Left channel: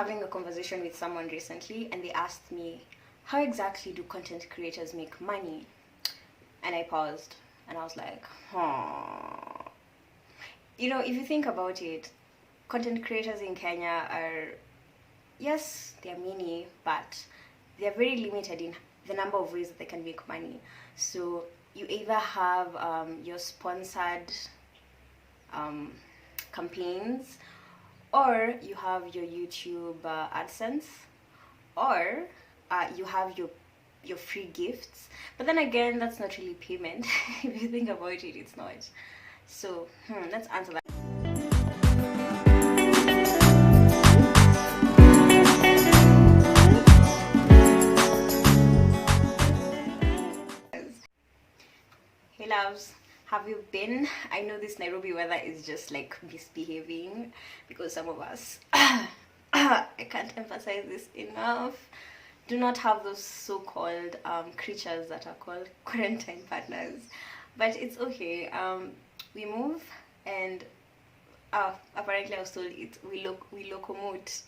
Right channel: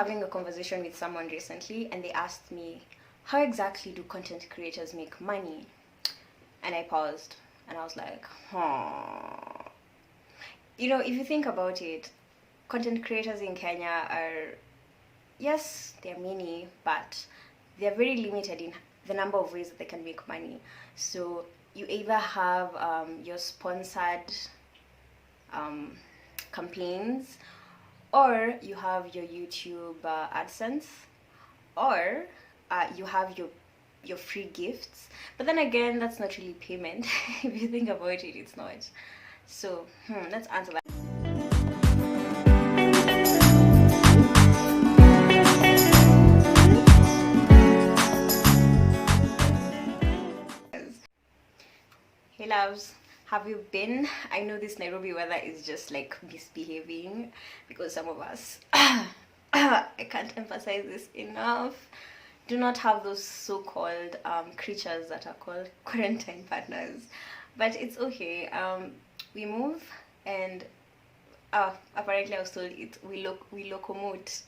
having a conversation with someone recently, and they asked me, how exactly do content creators make money? And I paused, and I was like, if you think about it, content creators in Kenya are, yes, they're many, but they're very limited in the number of ways that they can make money. So you either have your sponsored campaigns, or you have your YouTube AdSense, or you have your free gifts. But then again, that's not really payment. If you think about it, it's not. So let's answer that. Hey loves, have you been? I know this Nairobi weather is just like misbehaving, because some of us, I can't emphasize this enough, do not have those so-called creatures that are called quarantine partners. But it's okay. We move, and apparently I was told we locomote.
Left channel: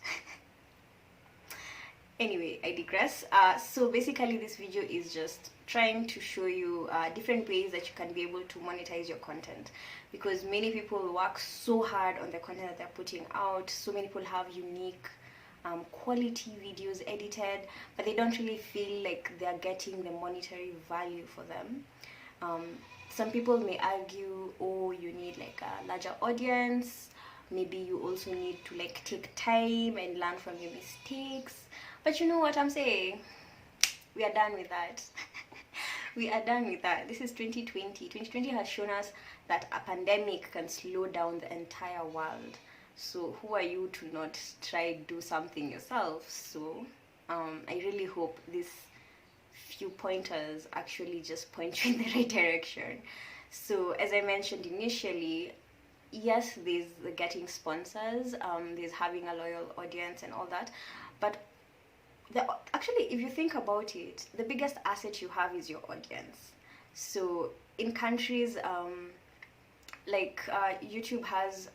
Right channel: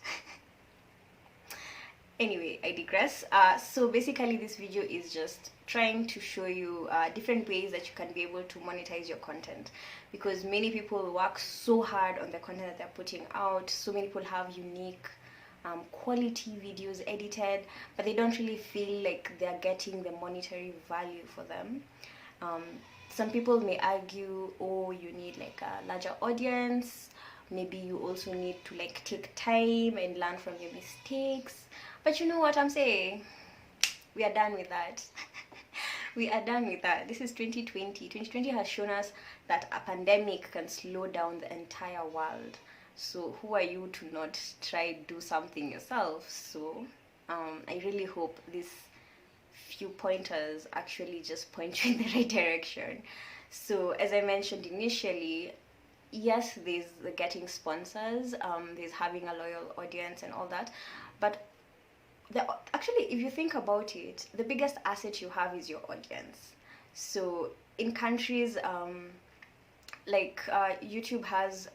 Anyway, I digress. So basically this video is just trying to show you different ways that you can be able to monetize your content, because many people work so hard on the content that they're putting out. So many people have unique quality videos edited, but they don't really feel like they're getting the monetary value for them. Some people may argue, oh, you need like a larger audience, maybe you also need to like take time and learn from your mistakes. But you know what I'm saying? We are done with that. We are done with that. This is 2020. 2020 has shown us that a pandemic can slow down the entire world. So who are you to not try do something yourself? So I really hope these few pointers actually just point you in the right direction. So as I mentioned initially, yes, there's the getting sponsors, there's having a loyal audience and all that, but actually, if you think about it, the biggest asset you have is your audience. So in countries YouTube has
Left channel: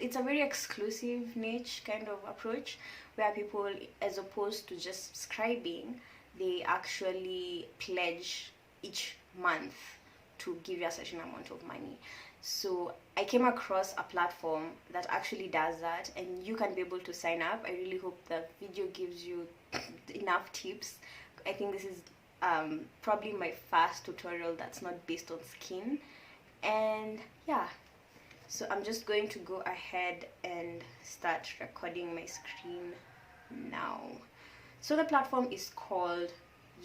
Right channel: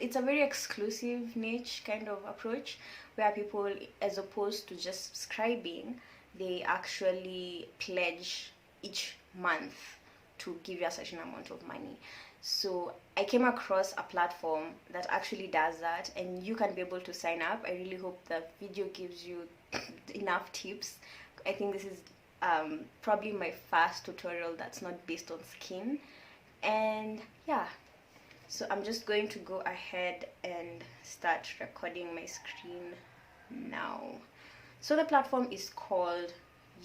it's a very exclusive niche kind of approach, where people, as opposed to just subscribing, they actually pledge each month to give you a certain amount of money. So I came across a platform that actually does that, and you can be able to sign up. I really hope the video gives you enough tips. I think this is probably my first tutorial that's not based on skin. And yeah, so I'm just going to go ahead and start recording my screen now. So the platform is called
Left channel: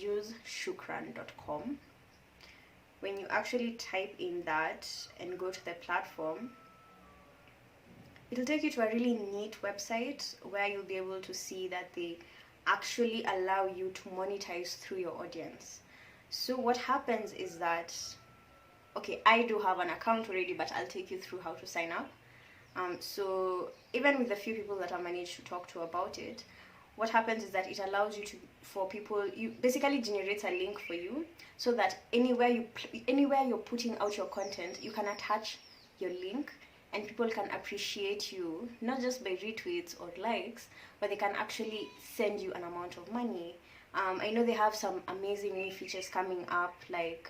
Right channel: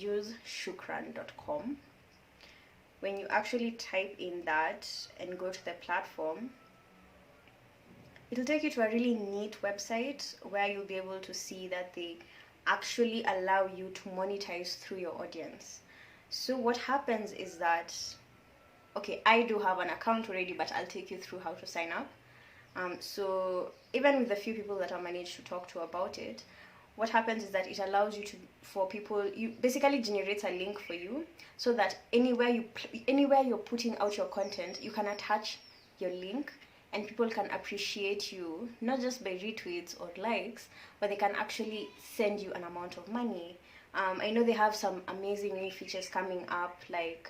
useshukran.com. When you actually type in that and go to the platform, it'll take you to a really neat website where you'll be able to see that they actually allow you to monetize through your audience. So what happens is that, okay, I do have an account already, but I'll take you through how to sign up. So even with the few people that I managed to talk to about it, what happens is that it allows you you basically generates a link for you, so that anywhere you're putting out your content, you can attach your link, and people can appreciate you, not just by retweets or likes, but they can actually send you an amount of money. I know they have some amazing new features coming up, like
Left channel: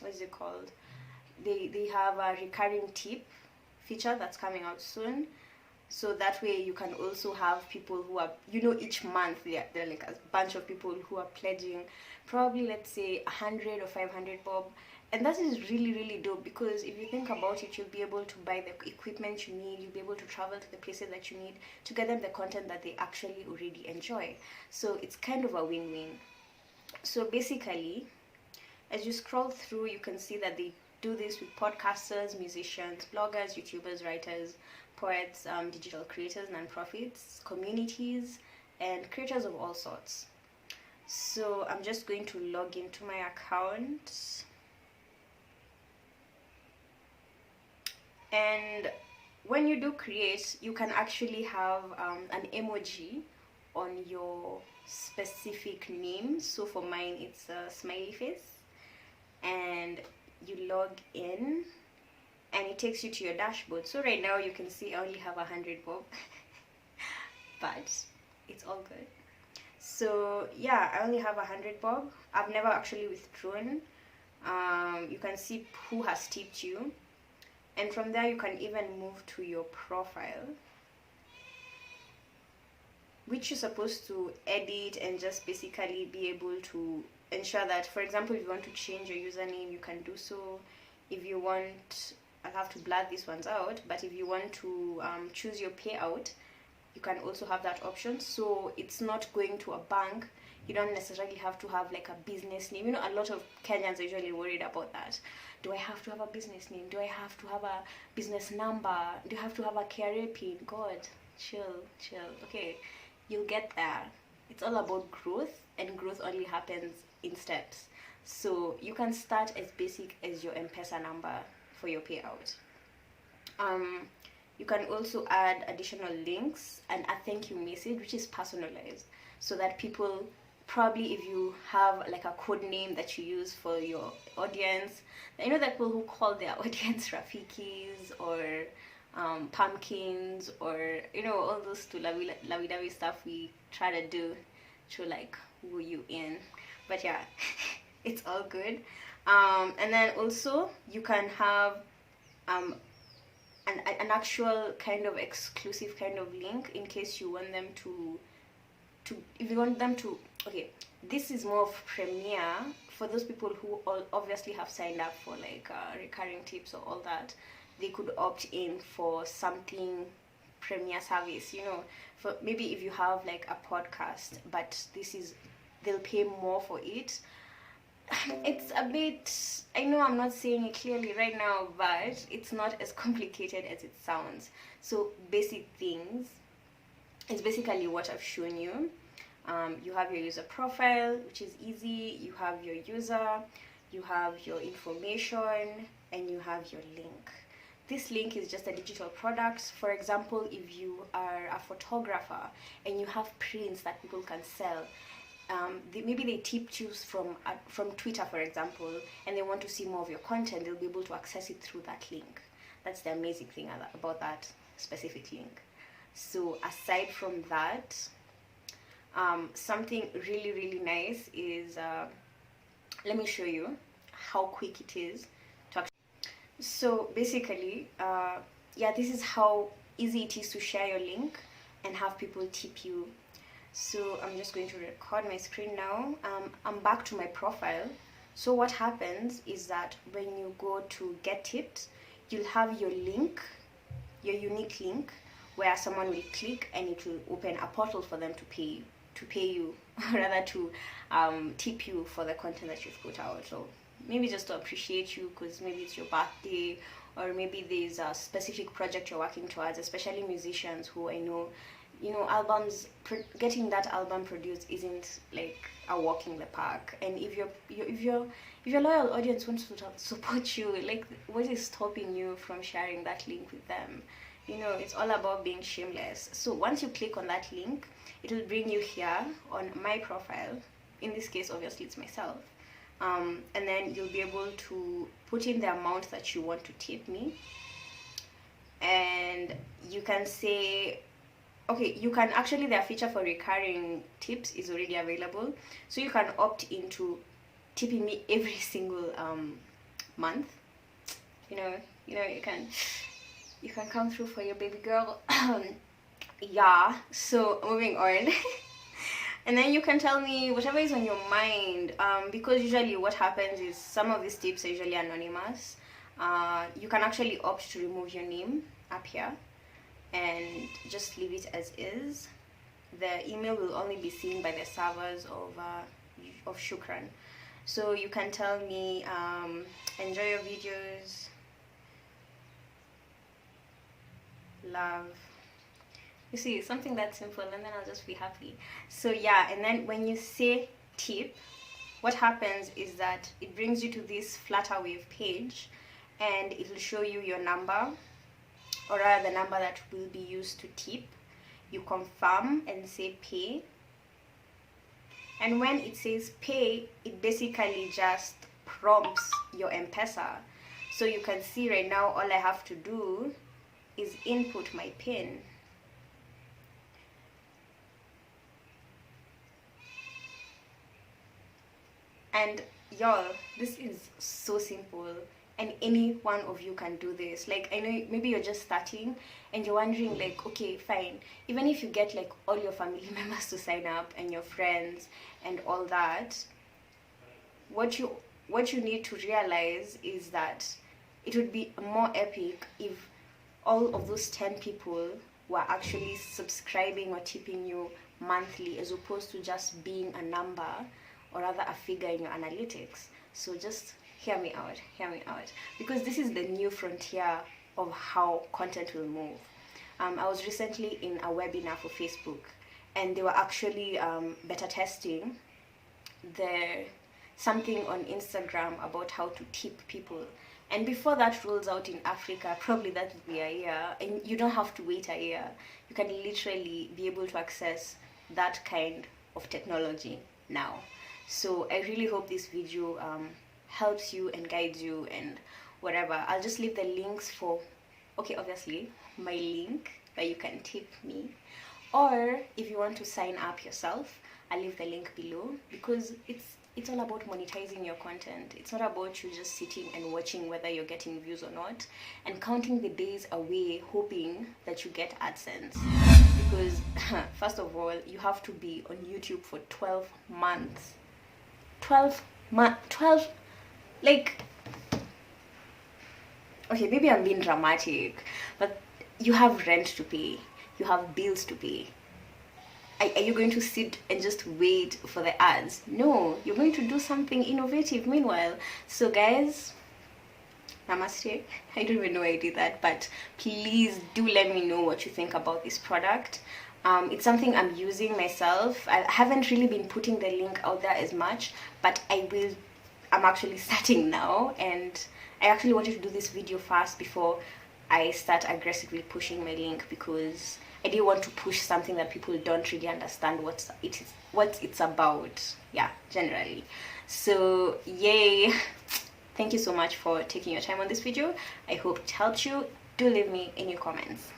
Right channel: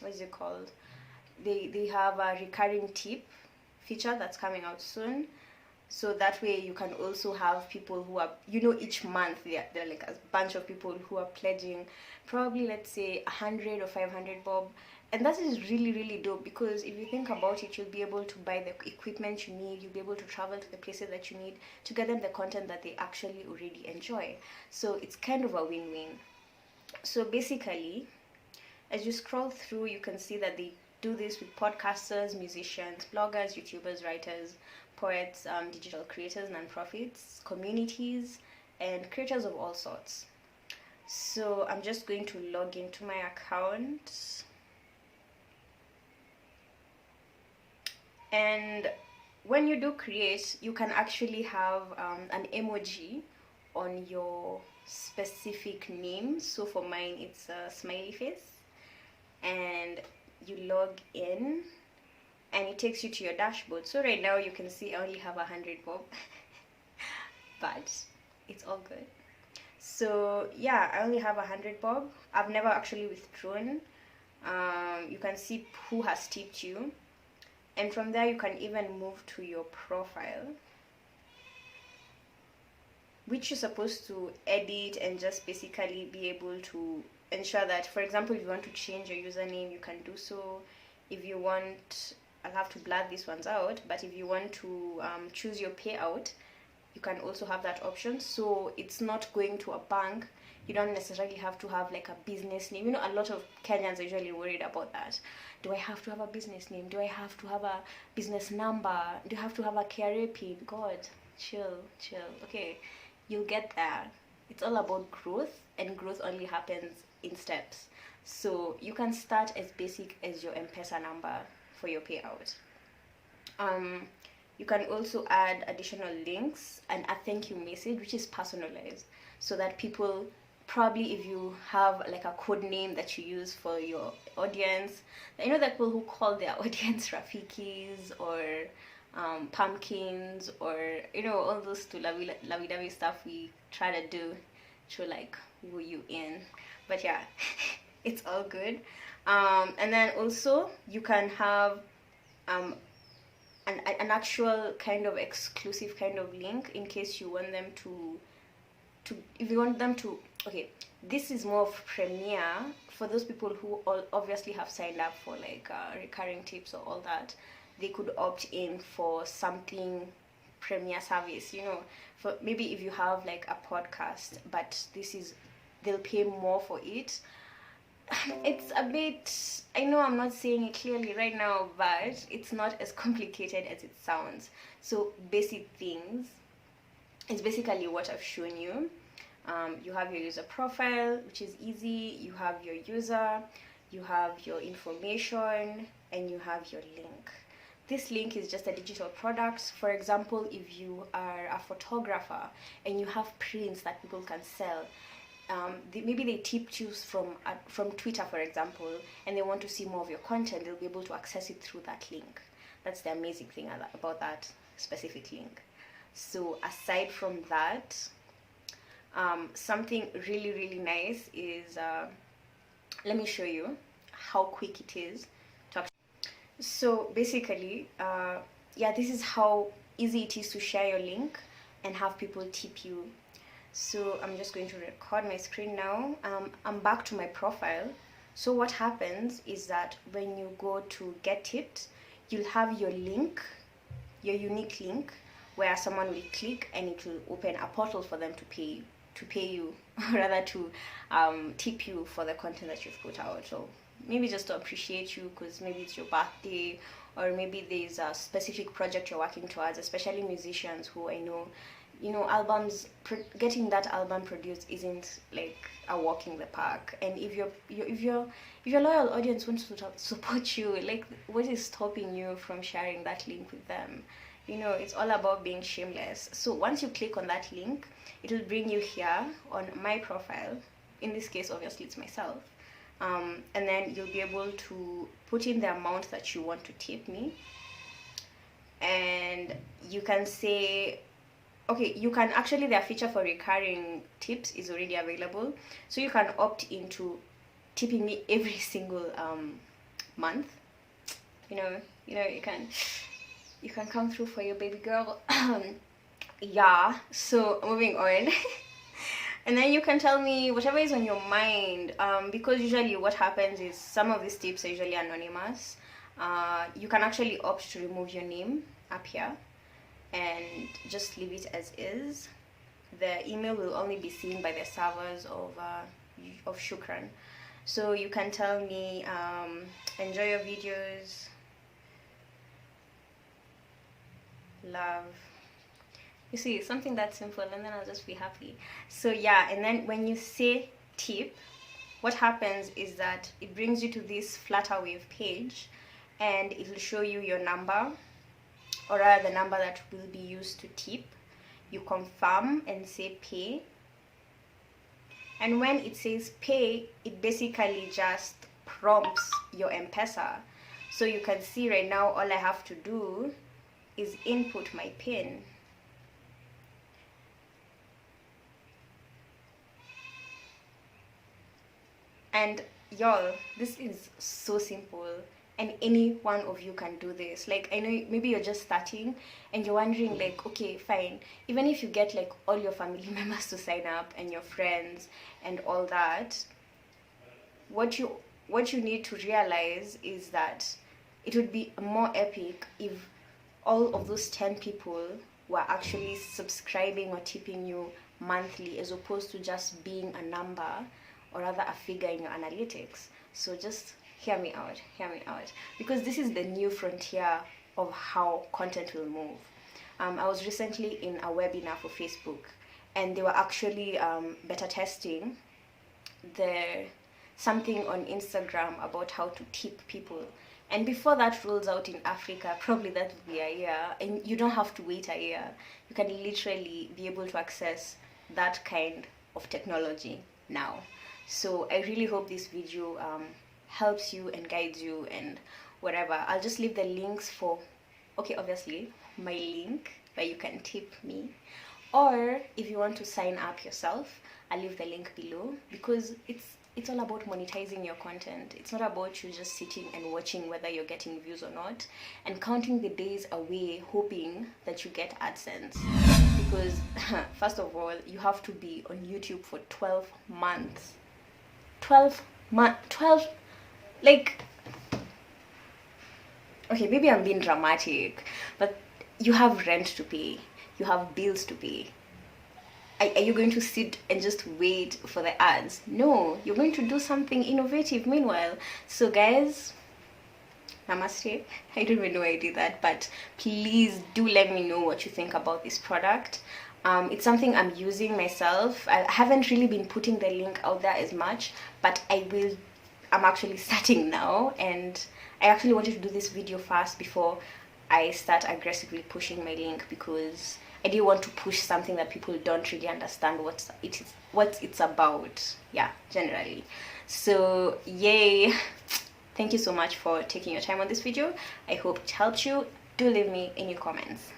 what is it called? They have a recurring tip feature that's coming out soon. So that way you can also have people who are, each month they're like a bunch of people who are pledging probably, let's say, 100 or 500 bob. And that is really, really dope, because if you think about it, you'll be able to buy the equipment you need, you'll be able to travel to the places that you need to get them the content that they actually already enjoy. So it's kind of a win-win. So basically, as you scroll through, you can see that they do this with podcasters, musicians, bloggers, YouTubers, writers, poets, digital creators, nonprofits, communities, and creators of all sorts. So I'm just going to log into my account. And when you do create, you can actually have an emoji on your specific name. So for mine, it's a smiley face. And you log in, and it takes you to your dashboard. So right now you can see I only have 100 bob. but it's all good. So yeah, I only have 100 bob. I've never actually withdrawn. You can see who has tipped you, and from there you can even move to your profile, which you're supposed to edit and just basically be able to ensure that, for example, if you want to change your username, you can do so. If you want, I'll have to blur these ones out, but if you want to choose your payout, you can also have that option. So it's not going to a bank. You don't necessarily have to have like a business name. You know, a lot of Kenyans are usually worried about that. Do I have to have a business name? Do I have to have a business number? Do I have to have a KRA pin? God, chill. Okay, you'll get there. It's all about growth, and growth only happens in steps. So you can start as basic as your M-Pesa number for your payout. You can also add additional links and a thank you message, which is personalized, so that people, probably if you have like a code name that you use for your audience, you know, the people who call their audience Rafikis or pumpkins, or you know, all those to lovey-dovey stuff we try to do to like woo you in. But yeah, it's all good. And then also you can have an actual kind of exclusive kind of link in case you want them to if you want them to, okay, this is more of Premier for those people who obviously have signed up for like recurring tips or all that. They could opt in for something Premier service, you know, for maybe if you have like a podcast, but they'll pay more for it. It's a bit, I know I'm not saying it clearly right now, but it's not as complicated as it sounds. So basic things, it's basically what I've shown you. You have your user profile, which is easy. You have your user, you have your information, and you have your link. This link is just a digital product. For example, if you are a photographer and you have prints that people can sell, maybe they tipped you from Twitter, for example, and they want to see more of your content, they'll be able to access it through that link. That's the amazing thing about that specific link. So aside from that, something really, really nice is, let me show you how quick it is to actually. So basically, yeah, this is how easy it is to share your link and have people tip you. So I'm just going to record my screen now. I'm back to my profile. So what happens is that when you go to get tipped, you'll have your link, your unique link, where someone will click and it will open a portal for them to pay you, rather to tip you for the content that you've put out. So maybe just to appreciate you because maybe it's your birthday, or maybe there's a specific project you're working towards, especially musicians who I know, you know, albums, getting that album produced isn't like a walk in the park. And if your loyal audience wants to support you, like, what is stopping you from sharing that link with them? You know, it's all about being shameless. So once you click on that link, it'll bring you here on my profile. In this case, obviously, it's myself. And then you'll be able to put in the amount that you want to tip me. And you can say, okay, you can actually, their feature for recurring tips is already available. So you can opt into tipping me every single month. You know, you can come through for your baby girl. Yeah, so moving on. And then you can tell me whatever is on your mind, because usually what happens is some of these tips are usually anonymous. You can actually opt to remove your name up here and just leave it as is. The email will only be seen by the servers of Shukran. So you can tell me, enjoy your videos, love. You see, something that simple, and then I'll just be happy. So yeah, and then when you say tip, what happens is that it brings you to this Flutterwave page, and it will show you your number, or rather the number that will be used to tip. You confirm and say pay. And when it says pay, it basically just prompts your M-Pesa. So you can see right now, all I have to do is input my PIN. And y'all, this is so simple, and any one of you can do this. Like, I know maybe you're just starting and you're wondering, like, okay, fine, even if you get like all your family members to sign up and your friends and all that, what you need to realize is that it would be more epic if all of those 10 people were actually subscribing or tipping you monthly, as opposed to just being a number, or rather a figure in your analytics. So just hear me out, because this is the new frontier of how content will move. I was recently in a webinar for Facebook, and they were actually beta testing something on Instagram about how to tip people. And before that rolls out in Africa, probably that will be a year, and you don't have to wait a year. You can literally be able to access that kind of technology now. So I really hope this video helps you and guides you and whatever. I'll just leave the links for, okay, obviously, my link where you can tip me. Or if you want to sign up yourself, I'll leave the link below, because it's all about monetizing your content. It's not about you just sitting and watching whether you're getting views or not and counting the days away hoping that you get AdSense. Because first of all, you have to be on YouTube for 12 months. 12, like, okay, maybe I'm being dramatic, but you have rent to pay, you have bills to pay. Are you going to sit and just wait for the ads? No, you're going to do something innovative meanwhile. So guys, namaste. I don't even know why I did that, but please do let me know what you think about this product. It's something I'm using myself. I haven't really been putting the link out there as much, but I will. I'm actually starting now, and I actually wanted to do this video fast before I start aggressively pushing my link, because I didn't want to push something that people don't really understand what it's about. Yeah, generally. So yay. Thank you so much for taking your time on this video. I hope it helped you. Do leave me in your comments.